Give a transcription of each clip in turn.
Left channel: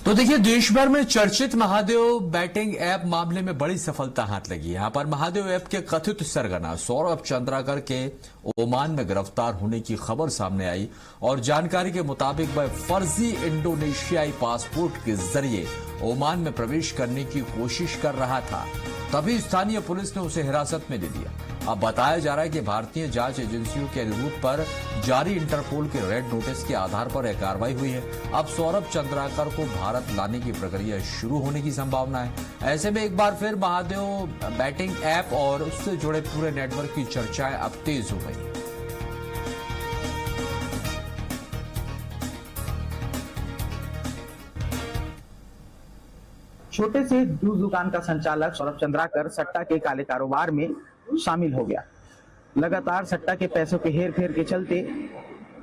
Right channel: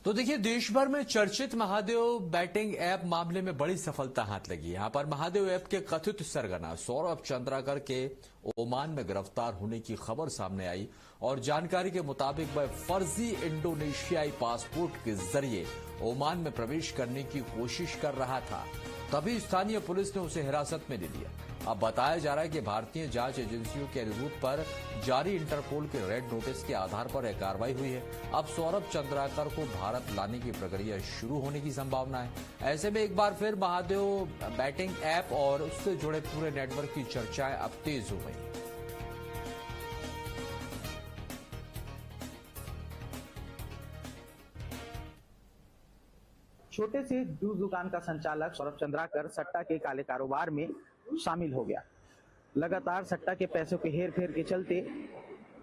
तो देखिए, देश भर में चर्चित महादेव बैटिंग ऐप मामले में बड़ी सफलता हाथ लगी। यहां पर महादेव ऐप के कथित सरगना सौरभ चंद्राकर के ओमान में गिरफ्तार होने की खबर सामने आई और जानकारी के मुताबिक वह फर्जी इंडोनेशियाई पासपोर्ट के जरिए ओमान में प्रवेश करने की कोशिश कर रहा था। तभी स्थानीय पुलिस ने उसे हिरासत में ले लिया। अब बताया जा रहा है कि भारतीय जांच एजेंसियों के अनुरोध पर जारी इंटरपोल के रेड नोटिस के आधार पर यह कार्रवाई हुई है। अब सौरभ चंद्राकर को भारत लाने की प्रक्रिया शुरू होने की संभावना है। ऐसे में एक बार फिर महादेव बैटिंग ऐप और उससे जुड़े पूरे नेटवर्क की चर्चाएं अब तेज हो गई। छोटे से जूस दुकान का संचालक सौरभ चंद्राकर सट्टा के काले कारोबार में शामिल हो गया। लगातार सट्टा के पैसों के हेर फेर के चलते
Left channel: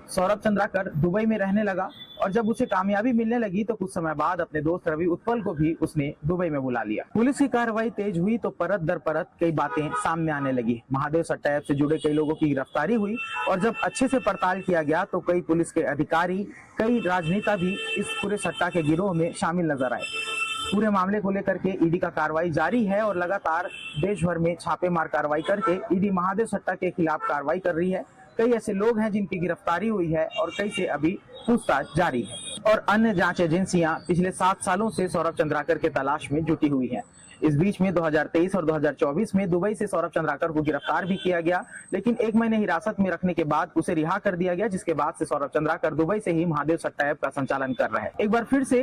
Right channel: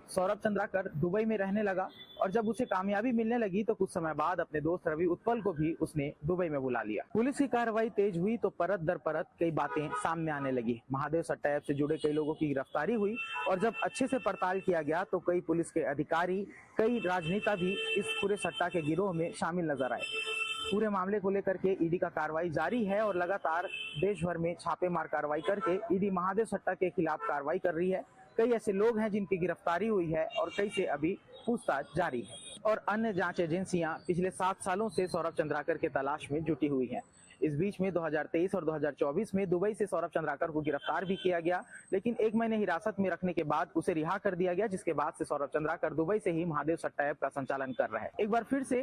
सौरभ चंद्राकर दुबई में रहने लगा और जब उसे कामयाबी मिलने लगी तो कुछ समय बाद अपने दोस्त रवि उत्पल को भी उसने दुबई में बुला लिया। पुलिस की कार्रवाई तेज हुई तो परत दर परत कई बातें सामने आने लगी। महादेव सट्टा ऐप से जुड़े कई लोगों की गिरफ्तारी हुई और जब अच्छे से पड़ताल किया गया तो कई पुलिस के अधिकारी, कई राजनेता भी इस पूरे सट्टा के गिरोह में शामिल नजर आए। पूरे मामले को लेकर के ईडी का कार्रवाई जारी है और लगातार देश भर में छापेमार कार्रवाई करके ईडी महादेव सट्टा के खिलाफ कार्रवाई कर रही है। कई ऐसे लोग हैं जिनकी गिरफ्तारी हुई है और कई से अभी पूछताछ जारी है और अन्य जांच एजेंसियां पिछले 7 सालों से सौरभ चंद्राकर के तलाश में जुटी हुई हैं। इस बीच में 2023 और 2024 में दुबई से सौरभ चंद्राकर को गिरफ्तार भी किया गया, लेकिन 1 महीने हिरासत में रखने के बाद उसे रिहा कर दिया गया, जिसके बाद से सौरभ चंद्राकर दुबई से ही महादेव सट्टा ऐप का संचालन कर रहे हैं। एक बार फिर से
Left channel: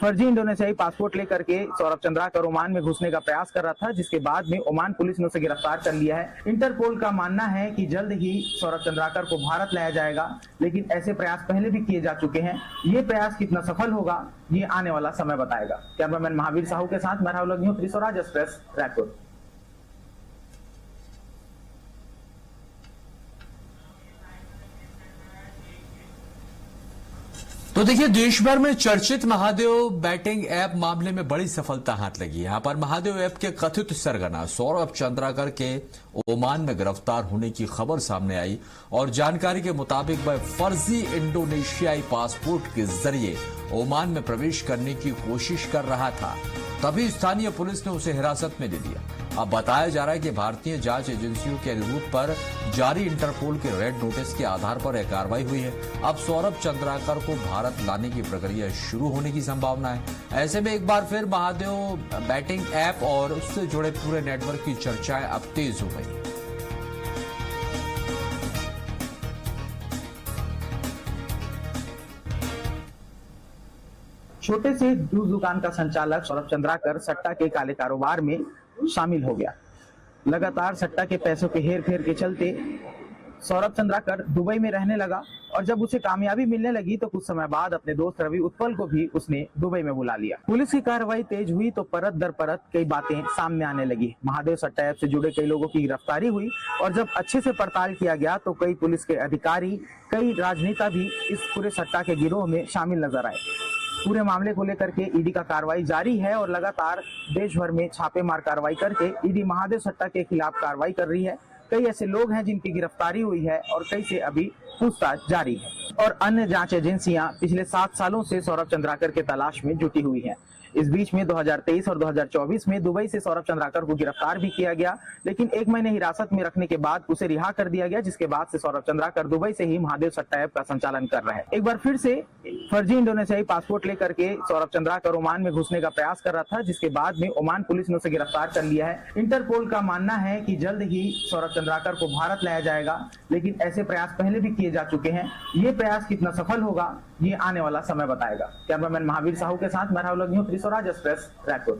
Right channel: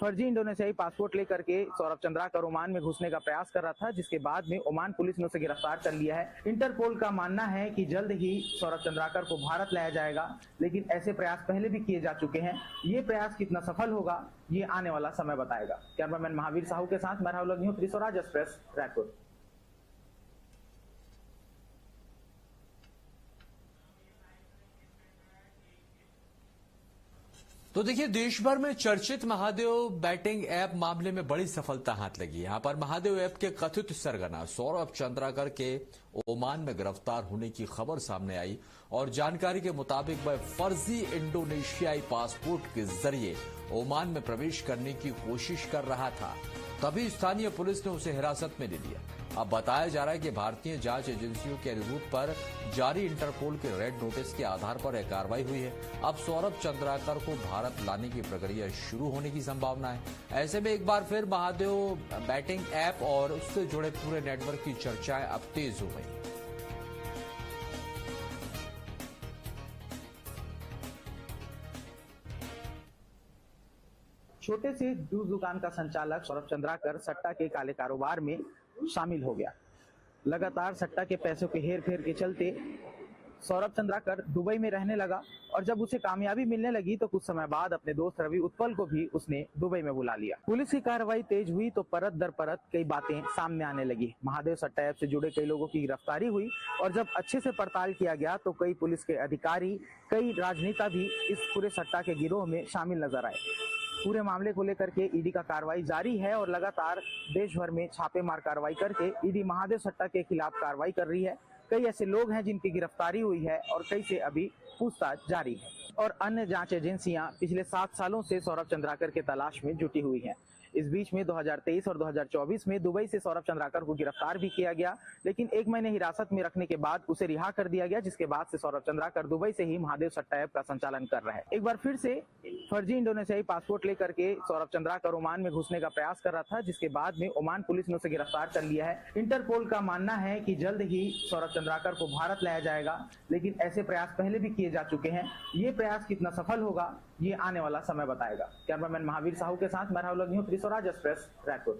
फर्जी इंडोनेशियाई पासपोर्ट लेकर के सौरभ चंद्राकर ओमान में घुसने का प्रयास कर रहा था, जिसके बाद में ओमान पुलिस ने उसे गिरफ्तार कर लिया है। इंटरपोल का मानना है कि जल्द ही सौरभ चंद्राकर को भारत लाया जाएगा, लेकिन ऐसे प्रयास पहले भी किए जा चुके हैं। ये प्रयास कितना सफल होगा ये आने वाला समय बताएगा। कैमरामैन महावीर साहू के साथ मैं राहुल न्यूज स्वराज एक्सप्रेस रायपुर। तो देखिए, देश भर में चर्चित महादेव बैटिंग ऐप मामले में बड़ी सफलता हाथ लगी। यहां पर महादेव ऐप के कथित सरगना सौरभ चंद्राकर के ओमान में गिरफ्तार होने की खबर सामने आई और जानकारी के मुताबिक वह फर्जी इंडोनेशियाई पासपोर्ट के जरिए ओमान में प्रवेश करने की कोशिश कर रहा था। तभी स्थानीय पुलिस ने उसे हिरासत में ले लिया। अब बताया जा रहा है कि भारतीय जांच एजेंसियों के अनुरोध पर जारी इंटरपोल के रेड नोटिस के आधार पर यह कार्रवाई हुई है। अब सौरभ चंद्राकर को भारत लाने की प्रक्रिया शुरू होने की संभावना है। ऐसे में एक बार फिर महादेव बैटिंग ऐप और उससे जुड़े पूरे नेटवर्क की चर्चाएं अब तेज हो गई। छोटे से जूस दुकान का संचालक सौरभ चंद्राकर सट्टा के काले कारोबार में शामिल हो गया। लगातार सट्टा के पैसों के हेर फेर के चलते सौरभ चंद्राकर दुबई में रहने लगा और जब उसे कामयाबी मिलने लगी तो कुछ समय बाद अपने दोस्त रवि उत्पल को भी उसने दुबई में बुला लिया। पुलिस की कार्रवाई तेज हुई तो परत दर परत कई बातें सामने आने लगी। महादेव सट्टा ऐप से जुड़े कई लोगों की गिरफ्तारी हुई और जब अच्छे से पड़ताल किया गया तो कई पुलिस के अधिकारी, कई राजनेता भी इस पूरे सट्टा के गिरोह में शामिल नजर आए। पूरे मामले को लेकर के ईडी का कार्रवाई जारी है और लगातार देश भर में छापेमार कार्रवाई करके ईडी महादेव सट्टा के खिलाफ कार्रवाई कर रही है। कई ऐसे लोग हैं जिनकी गिरफ्तारी हुई है और कई से अभी पूछताछ जारी है और अन्य जांच एजेंसियां पिछले 7 सालों से सौरभ चंद्राकर के तलाश में जुटी हुई हैं। इस बीच में 2023 और 2024 में दुबई से सौरभ चंद्राकर को गिरफ्तार भी किया गया, लेकिन 1 महीने हिरासत में रखने के बाद उसे रिहा कर दिया गया, जिसके बाद से सौरभ चंद्राकर दुबई से ही महादेव सट्टा ऐप का संचालन कर रहे हैं। एक बार फिर से फर्जी इंडोनेशियाई पासपोर्ट लेकर के सौरभ चंद्राकर ओमान में घुसने का प्रयास कर रहा था, जिसके बाद में ओमान पुलिस ने उसे गिरफ्तार कर लिया है। इंटरपोल का मानना है कि जल्द ही सौरभ चंद्राकर को भारत लाया जाएगा, लेकिन ऐसे प्रयास पहले भी किए जा चुके हैं। ये प्रयास कितना सफल होगा ये आने वाला समय बताएगा। कैमरामैन महावीर साहू के साथ मैं राहुल न्यूज स्वराज एक्सप्रेस रायपुर।